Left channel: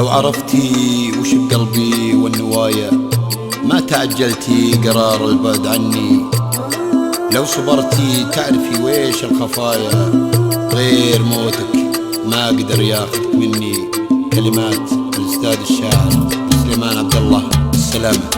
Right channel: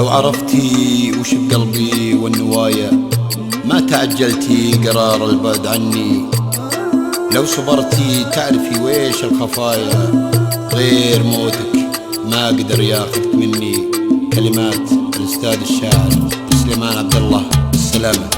لو عرفتي وش بقلبي والنوايا ما تعجلتي قرار البعد عني. لو صبرتي تعرفي ويش الخفايا، غير موتك ما قدر ياخذك مني. كلمات الأستاذ الشاعر سليمان عبد الله. السلامة.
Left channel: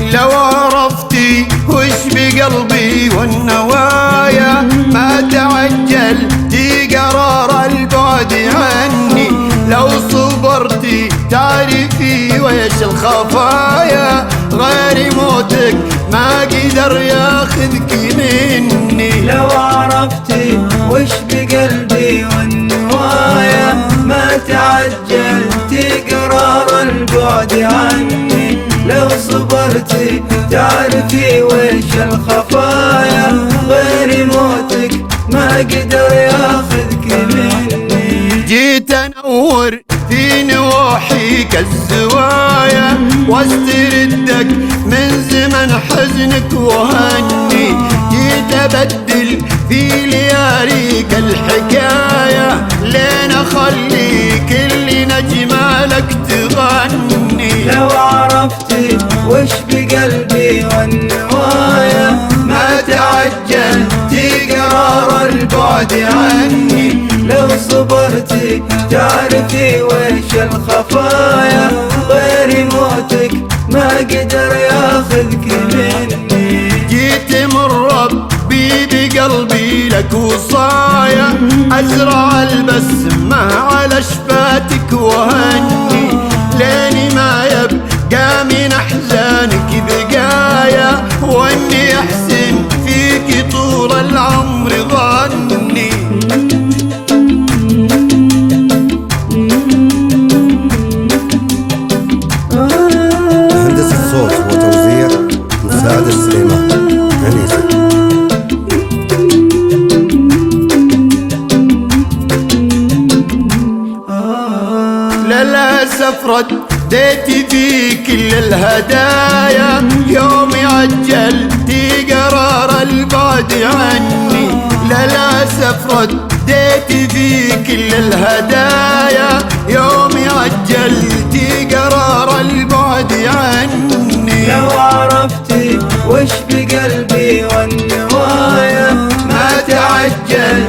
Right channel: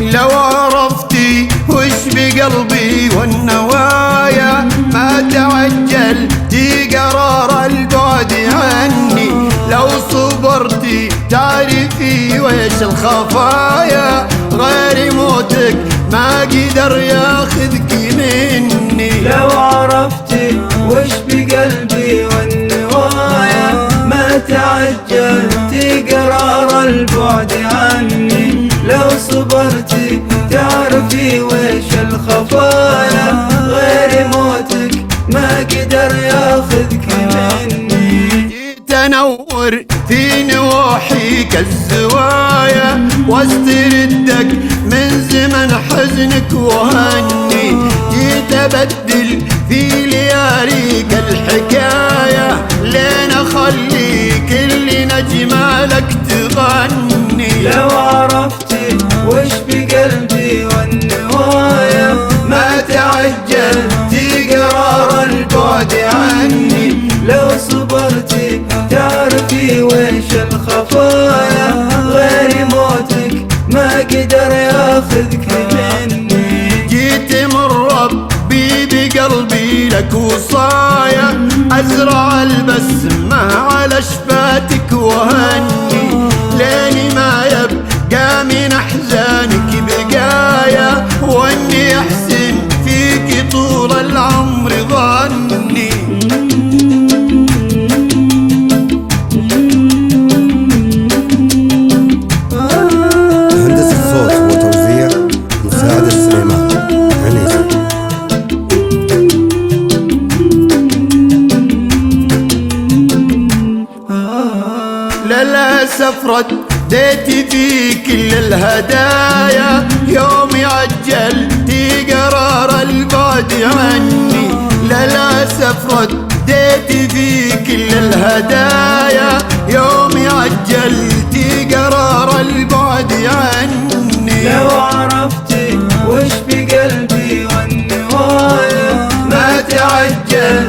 لو عرفتي وش بقلبي والنوايا ما تعجلتي قرار البعد عني. لو صبرتي تعرفي ويش الخفايا، غير موتك ما قدر ياخذك مني. لو عرفتي وش بقلبي والنوايا ما تعجلتي قرار البعد عني. لو صبرتي تعرفي ويش الخفايا، غير موتك ما قدر ياخذك مني. جيت انور في نواحيك الزوايا واستردك من زمن حزنك وهني. جيت ابدل في لياليك الحكاية لين اخلي كل نجمة لك تغني. لو عرفتي وش بقلبي والنوايا ما تعجلتي قرار البعد عني. لو صبرتي تعرفي ويش الخفايا، غير موتك ما قدر ياخذك مني. جيت مربي بقلبي لك وصايا ازرع البسمة على شفاتك وهني. لين ما يبقى من احزانك بقايا، واني احسن فيك طول العمر ظني. هندسة صوت وتوزيع مساعد السليمان عنيزة. للأسف رديتي في كل الهدايا يوم عجلتي قرار البعد عني. للأسف رديتي في كل الهدايا يوم عجلتي قرار البعد عني. لو عرفتي وش بقلبي والنوايا ما تعجل